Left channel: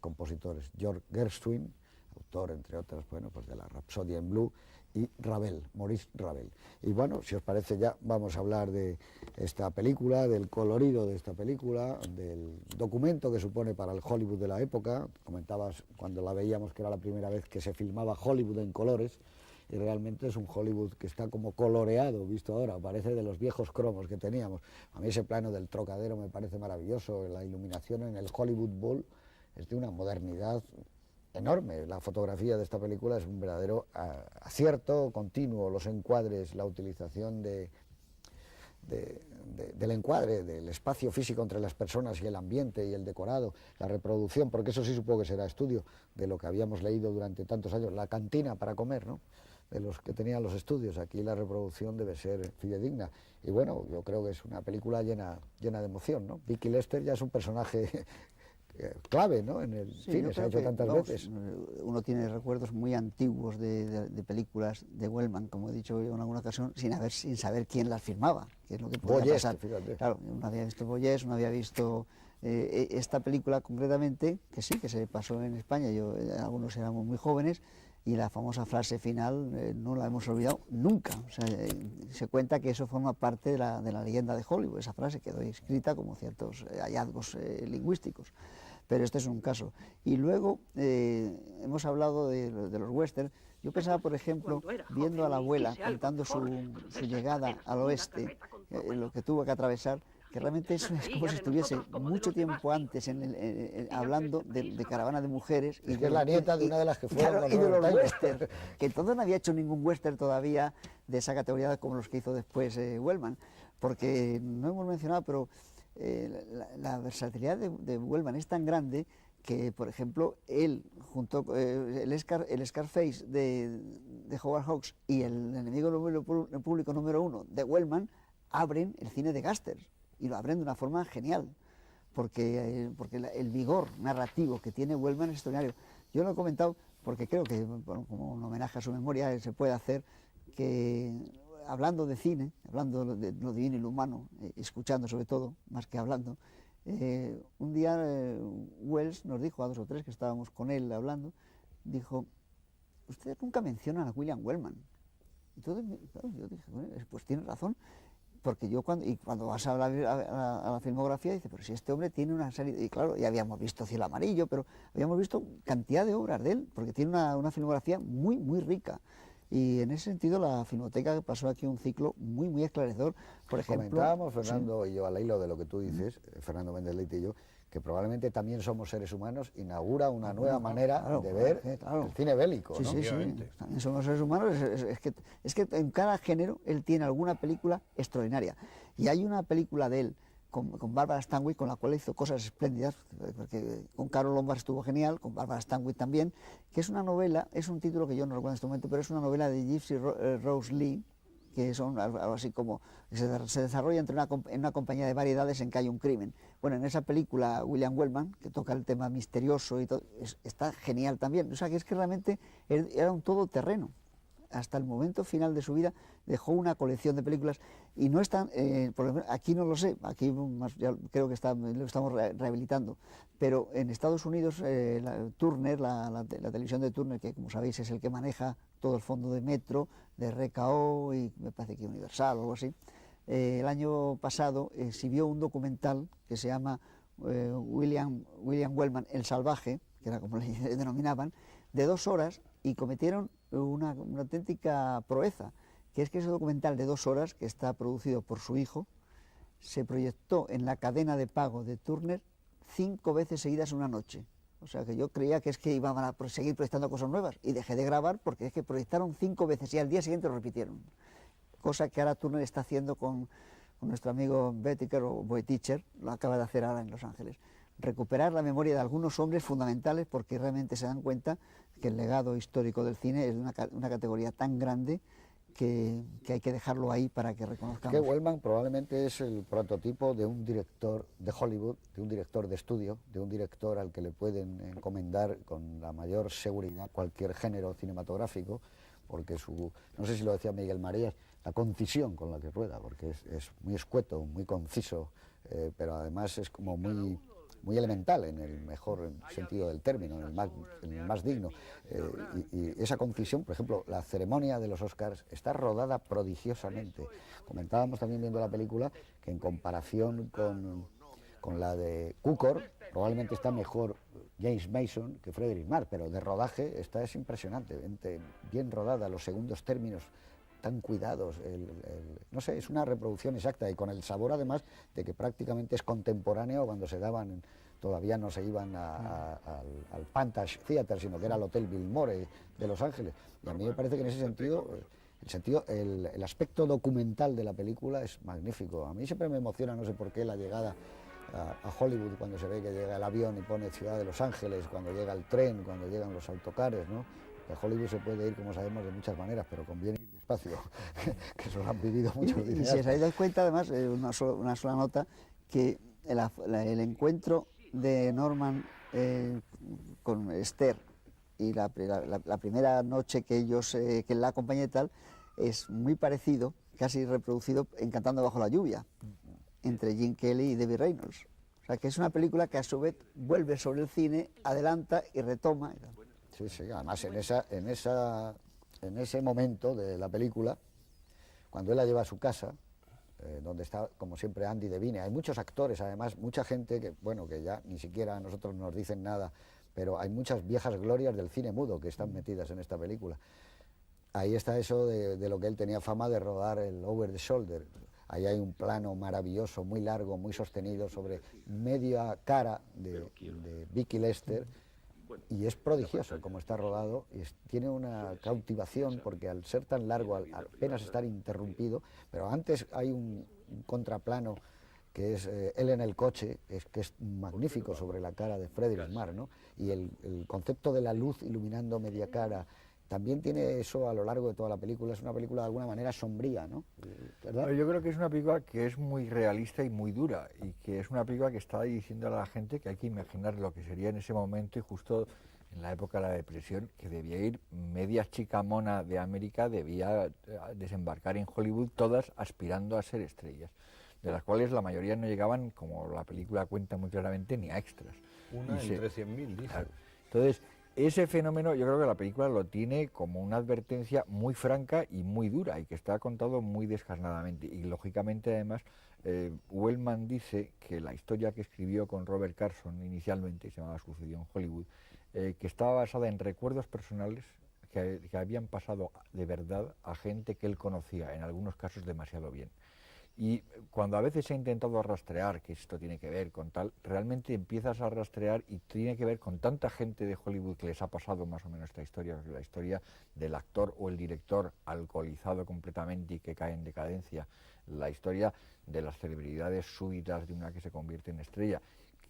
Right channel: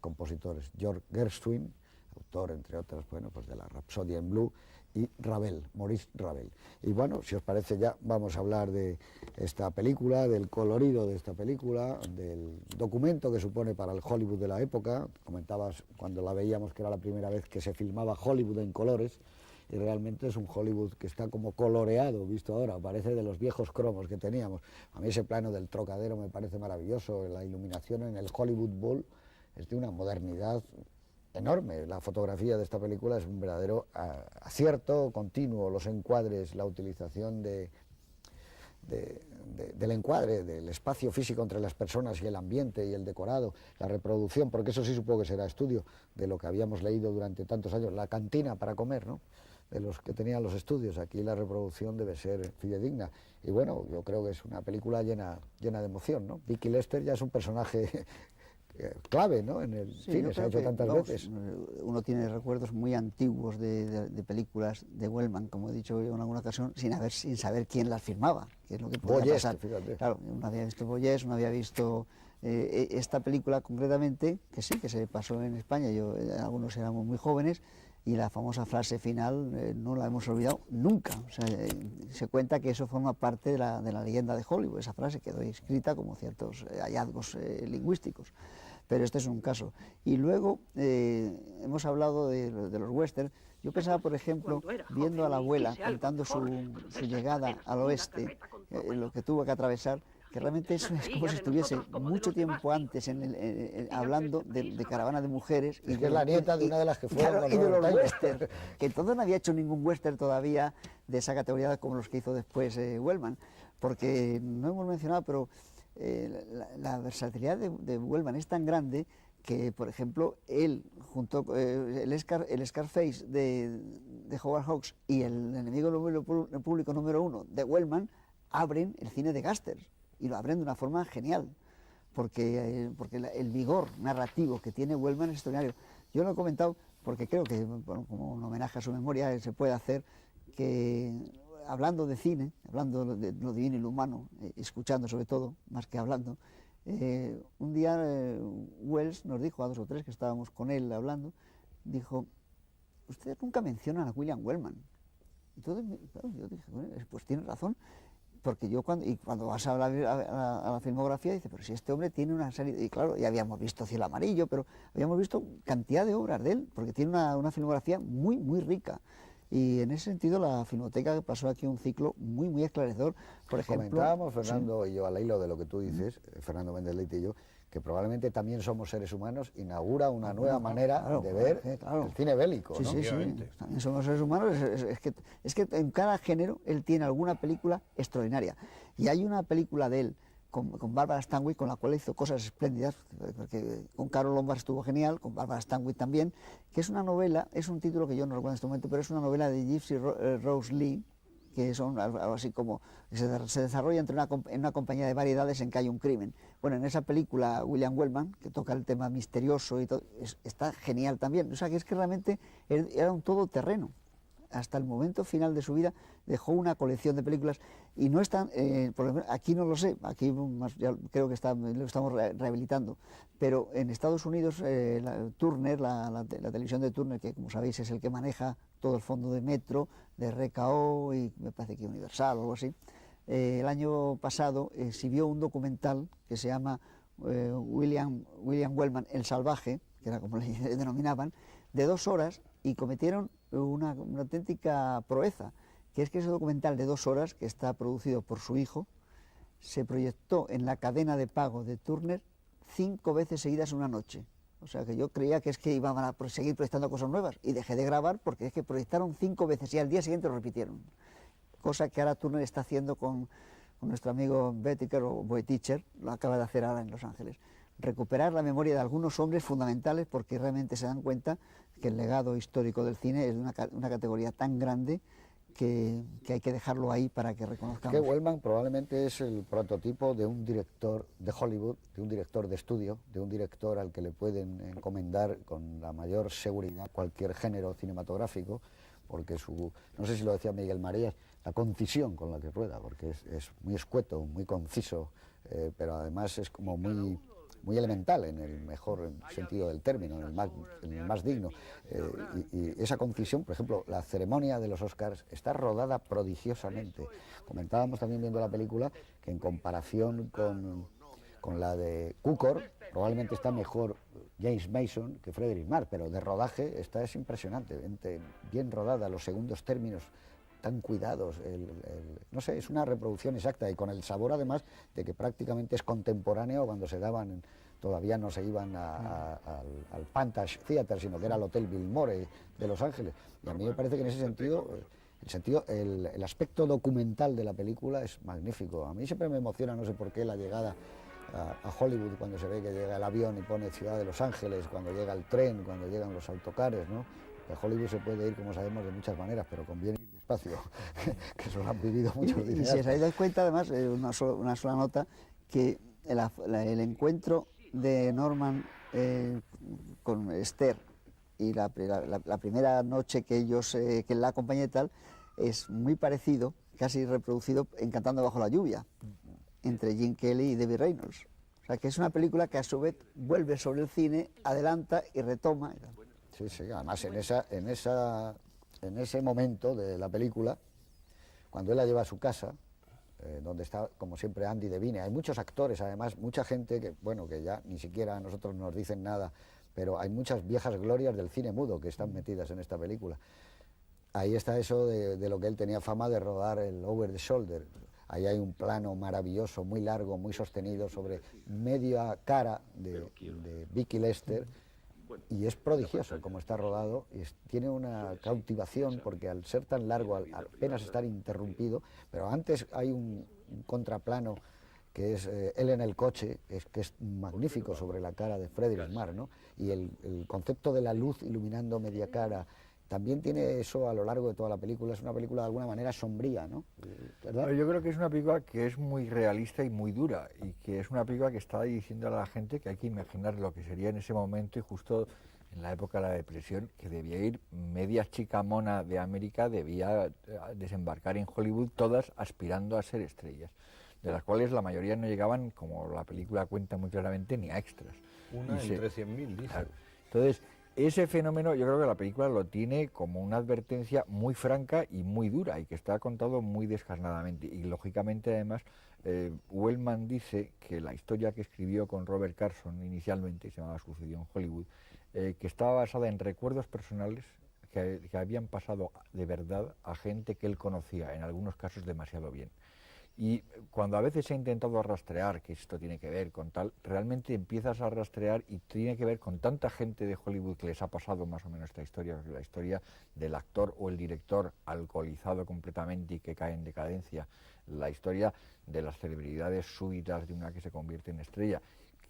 compositores, George Gershwin, autor, entre otras, bueno, pues de la Rapsodia en Blue, y Ravel, Maurice Ravel. Y bueno, si os parece ya vamos a hablar de esta película, del colorido de esta película, del documento que supone para el Hollywood de la época. Comentabas cuando la veíamos que era la primera vez que se filmaba Hollywood en colores, y realmente es un Hollywood que está como coloreado, visto ahora, parece de los viejos cromos que teníamos. A mí ese plano del Trocadero me parece maravilloso, la iluminación en el Hollywood Bowl es de una modernidad enorme. La fotografía de esta película es un verdadero acierto continuo, los encuadres, la utilización del encuadre, del espacio físico entre las personas y el ambiente y el decorado, la reproducción, porque eso sí supongo que será estudio de lo que habíamos leído durante tantos años, la cantina para comer, ¿no?, de los que tenían los estudios. Aquí la reproducción debe ser fidedigna. Y bueno, yo creo que es una película llena de emoción, ¿no? Vicky Lester ya es un personaje clave, ¿no?, en el cine, se ha hecho tantas veces. Uno tiene recuerdos muy antiguos de películas de Wellman, como he dicho en alguna ocasión, sin saber quién las filmaba, que es lo que podía pasar. Fíjate. Claro, uno había visto Boyes, uno había visto esta película concretamente, que sí, que se pasó en España, algunos éramos muy jóvenes, y la famosa frase final no la hemos olvidado nunca. O sea, se cuenta que eso forma parte de la leyenda de Hollywood. Esa frase quedó escrita como ciertos hallazgos lingüísticos. Pero este es un caso. Y luego hemos hablado de los westerns. Yo pensaba, por ejemplo, viendo a la abuela contando su llegada al oeste, lo que tuvo que atravesar, que realmente es como si estuviese mucho tiempo antes hablando de Caravana de Mujeres. Y que es la nieta de una de las que fueron, claro, y de los western, que entonces no había hecho ningún western todavía de esa categoría como los que hizo después Wellman, porque no hemos mencionado, pero la versatilidad de Wellman es tan grande que, por ejemplo, él, junto el Scarface de Howard Hawks y el Enemigo Público número 1 de Wellman, abren el cine de gángsters, y lo abren de una forma genial, porque el vigor narrativo que tiene Wellman es extraordinario. Yo lo he comentado porque creo que, bueno, como un homenaje a su memoria, se puede hacer que, hablando de cine, hablando de lo divino y lo humano, escuchando sobre todo, más que hablando, un día Wells nos dijo, a 2 o 3 que estábamos con él hablando, dijo: ustedes nunca mencionan a William Wellman. Entonces, bueno, yo dije, bueno, pues tiene razón, porque cuando vas a la filmografía, dice, pero si este hombre tiene una serie, y claro, ya habíamos visto Cielo Amarillo, pero habíamos visto cantidad de obras de él, porque tiene una filmografía muy, muy rica. Y en ese sentido la Filmoteca pasó aquí un ciclo muy, muy esclarecedor. Por ejemplo, comentábamos, Fernando y yo, al hilo de lo que tú dices, Fernando Méndez Leite y yo, que probablemente también somos seres humanos, inaugura una nueva manera de ver el cine bélico, ¿no? Sí, también somos seres humanos. Es que en cada género él tiene alguna película extraordinaria. Y hay una película de él con Barbara Stanwyck, con la cual hizo cosas espléndidas, porque con Carol Lombard estuvo genial, con Barbara Stanwyck también, que es una novela, es un título que yo no recuerdo en este momento, pero es una novela de Gypsy Rose Lee, que son algo así como, se desarrolla en una compañía de variedades en que hay un crimen. Bueno, en esa película William Wellman, que toca el tema misterioso y todo, está genial también. O sea, que es que realmente era un todoterreno. Hasta el momento final de su vida dejó una colección de películas, y no están, por lo menos aquí no lo sé, aquí ya creo que lo estamos rehabilitando, pero en Estados Unidos Turner, la televisión de Turner, que como sabéis es el que maneja todo el fondo de Metro, de RKO y me parece que Universal o algo así, el año pasado exhibió un documental que se llama William Wellman, El Salvaje, que era como le denominaban, de 2 horas, y cometieron una auténtica proeza, que es que ese documental de 2 horas, que está producido por su hijo, se proyectó en la cadena de pago de Turner 5 veces seguidas en una noche. O sea, que yo creía que es que iban a seguir proyectando cosas nuevas, y dejé de grabar porque es que proyectaron 5 veces y al día siguiente lo repitieron. Cosa que ahora Turner está haciendo con nuestro amigo Bettiker o Boetticher, lo acaba de hacer ahora en Los Ángeles. Recuperar la memoria de algunos hombres fundamentales, porque realmente se dan cuenta que el legado histórico del cine es una categoría tan grande que hay que dejarlo ahí para que reconozcamos. Que Wellman probablemente es el prototipo de un director de Hollywood, de un director de estudio, de un director al que le pueden encomendar con la mayor seguridad cualquier género cinematográfico, porque no sé si lo decía Miguel María, la concisión con la que rueda, porque es muy escueto, muy conciso, pero además es como muy muy elemental, en el mejor sentido del término, en el más digno. Y esa concisión, por ejemplo, la ceremonia de los Oscars está rodada prodigiosamente. Comentábamos también viendo la película que en comparación con la de Cukor, probablemente está mejor James Mason que Frederick March, pero de rodaje esta es impresionantemente bien rodada, los segundos términos tan cuidados, no sé, es una reproducción exacta y con el sabor además de que prácticamente es contemporáneo cuando se daban, todavía no se iban al Pantage Theater, sino que era el Hotel Biltmore de Los Ángeles. Y a mí me parece que en ese sentido, el aspecto documental de la película es magnífico. A mí siempre me emociona, no sé por qué, la llegada a Hollywood, cuando se ve que llega el avión y pone Ciudad de Los Ángeles, cuando llega el tren, cuando llegan los autocares, ¿no? A Hollywood se puede ir, como sabemos, de muchas maneras, pero conviene ir despacio, que eso lo han vivido muchos y si os dais cuenta, además, una sola nota, que el encuentro de Norman con Esther y la primera noche que ellos, que la acompaña y tal, es muy parecido, casi reproducido en Cantando bajo la lluvia, entre Gene Kelly y Debbie Reynolds. O sea, que es una película que a su vez vuelve sobre el cine, adelanta y retoma. Sí, sí, además en ese momento de la película, cuando él la lleva a su casa, donde está, como siempre, Andy Devine, hay muchos actores, además, mucha gente que, bueno, que ya ni siquiera a nosotros nos dicen nada, pero hay muchas viejas glorias del cine mudo que están metidas en esta película. Ahí está eso de lo que él tenía fama de rodar el Over the Shoulder. Ahí hay un plano maravilloso, muy largo, muy sostenido, sobre media cara de Vicky Lester, y es prodigioso como está rodado, tiene una cautivación porque al ser tan largo, al apenas estar interrumpido, pero antes hay un contraplano que es él en el coche, que es magnífico sobre la cara de Frederick March, ¿no? Y el concepto de la luz iluminando media cara también tiene eso a lo largo de toda la película. Es una película de alguna manera sombría, ¿no? ¿Verdad? Yo creo que es una película que es muy realista y muy dura, y que es una película que está diciendo a la gente que hay que imaginar lo que sería en ese momento, y justo en la época de la depresión, que debía ir media chica mona de América, debía desembarcar en Hollywood, todas aspirando a ser estrellas, de las cuales la mayoría no llegaban, como la película cuenta muy claramente, ni a extras. Una entre 100.000, dice. Claro. Entonces, ese fenómeno yo creo que la película lo tiene como una advertencia muy franca y muy dura, y que está contado muy descarnadamente. Y lógicamente, además, Wellman dice que la historia que escribió con Robert Carson inicialmente, se llamaba Sucedió en Hollywood, que estaba basada en recuerdos personales que habían pasado de verdad a gente que él conocía, en algunos casos demasiado bien. Y cuando a veces he intentado rastrear que esto tiene que ver con tal, realmente empiezas a rastrear y tiene que ver con tanta gente de Hollywood que les ha pasado más o menos esta historia, la historia del actor o el director alcoholizado completamente y que cae en decadencia, la historia de las celebridades súbitas de una que se convierte en estrella,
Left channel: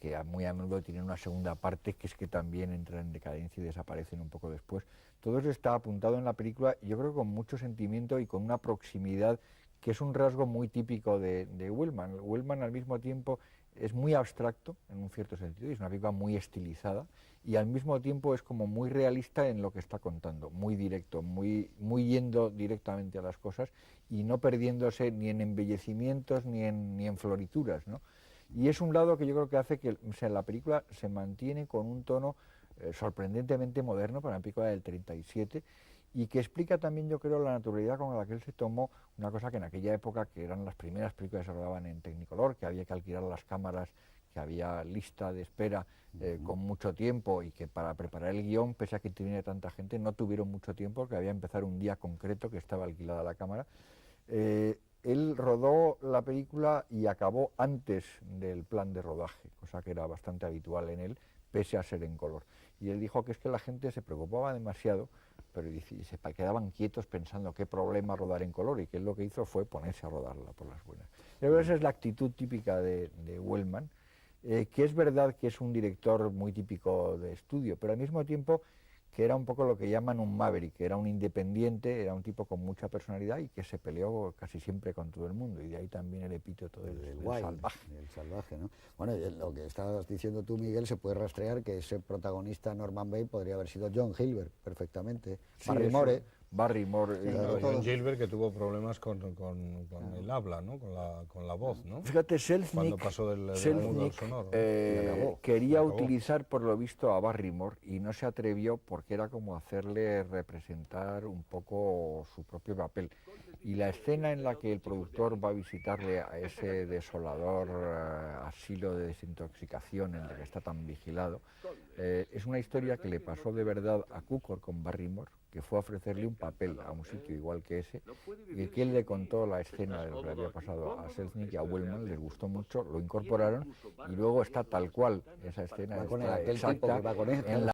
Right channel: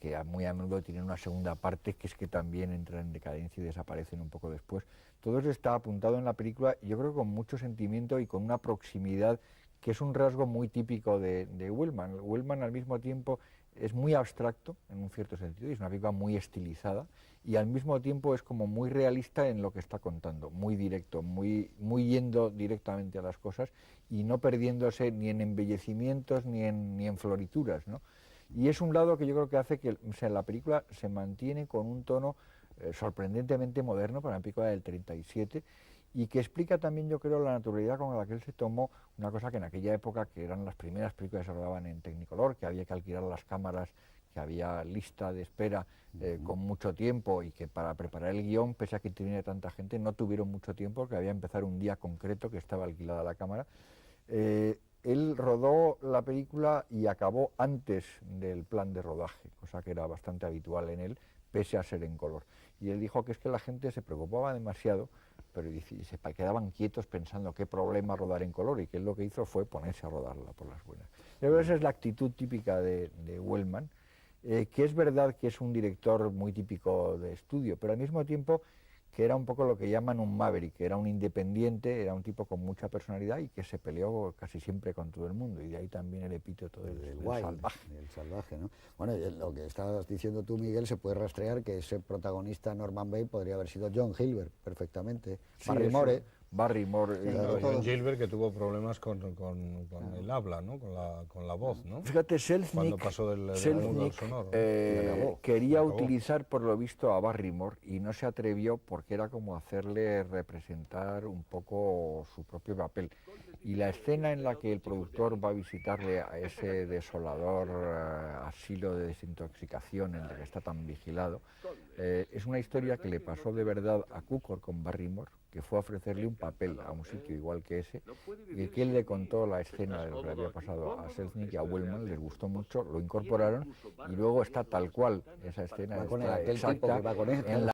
que muy a menudo tienen una segunda parte, que es que también entran en decadencia y desaparecen un poco después. Todo eso está apuntado en la película, y yo creo con mucho sentimiento y con una proximidad que es un rasgo muy típico de Wellman. Wellman al mismo tiempo es muy abstracto en un cierto sentido, y es una película muy estilizada, y al mismo tiempo es como muy realista en lo que está contando, muy directo, muy yendo directamente a las cosas y no perdiéndose ni en embellecimientos ni en florituras, ¿no? Y es un lado que yo creo que hace que, o sea, la película se mantiene con un tono sorprendentemente moderno para una película del 37, y que explica también, yo creo, la naturalidad con la que él se tomó una cosa que en aquella época, que eran las primeras películas que se rodaban en Technicolor, que había que alquilar las cámaras, que había lista de espera con mucho tiempo, y que para preparar el guión, pese a que tenía tanta gente, no tuvieron mucho tiempo, que había que empezar un día concreto que estaba alquilada la cámara. Él rodó la película y acabó antes del plan de rodaje, cosa que era bastante habitual en él, pese a ser en color. Y él dijo que es que la gente se preocupaba demasiado, pero se quedaban quietos pensando qué problema rodar en color, y que él lo que hizo fue ponerse a rodarla por las buenas. Yo creo que esa es la actitud típica de Wellman, que es verdad que es un director muy típico de estudio, pero al mismo tiempo que era un poco lo que llaman un maverick, que era un independiente, era un tipo con mucha personalidad y que se peleó casi siempre con todo el mundo, y de ahí también el epíteto del salvaje. El salvaje, ¿no? Bueno, lo que estabas diciendo tú, Miguel, se puede rastrear que ese protagonista Norman Bates podría haber sido John Hilbert perfectamente. Sí, Barrymore. Claro, todos. John Gilbert, que tuvo problemas con el habla, ¿no? Con la voz, ¿no? Fíjate, Cuando Selznick, pasó del mudo al sonoro, ¿no? quería acabó. utilizar por lo visto a Barrymore y no se atrevió porque era como hacerle representar un poco su propio papel. Y la escena en la que el productor va a visitarle a ese desolador asilo de desintoxicación en el que está tan vigilado, es una historia que le pasó de verdad a Cukor con Barrymore, que fue a ofrecerle un papel a un sitio igual que ese, y que él le contó la escena de lo que le había pasado a Selznick y a Wellman, les gustó mucho, lo incorporaron y luego está tal cual esa escena, Va con está aquel tipo exacta que va con él, en la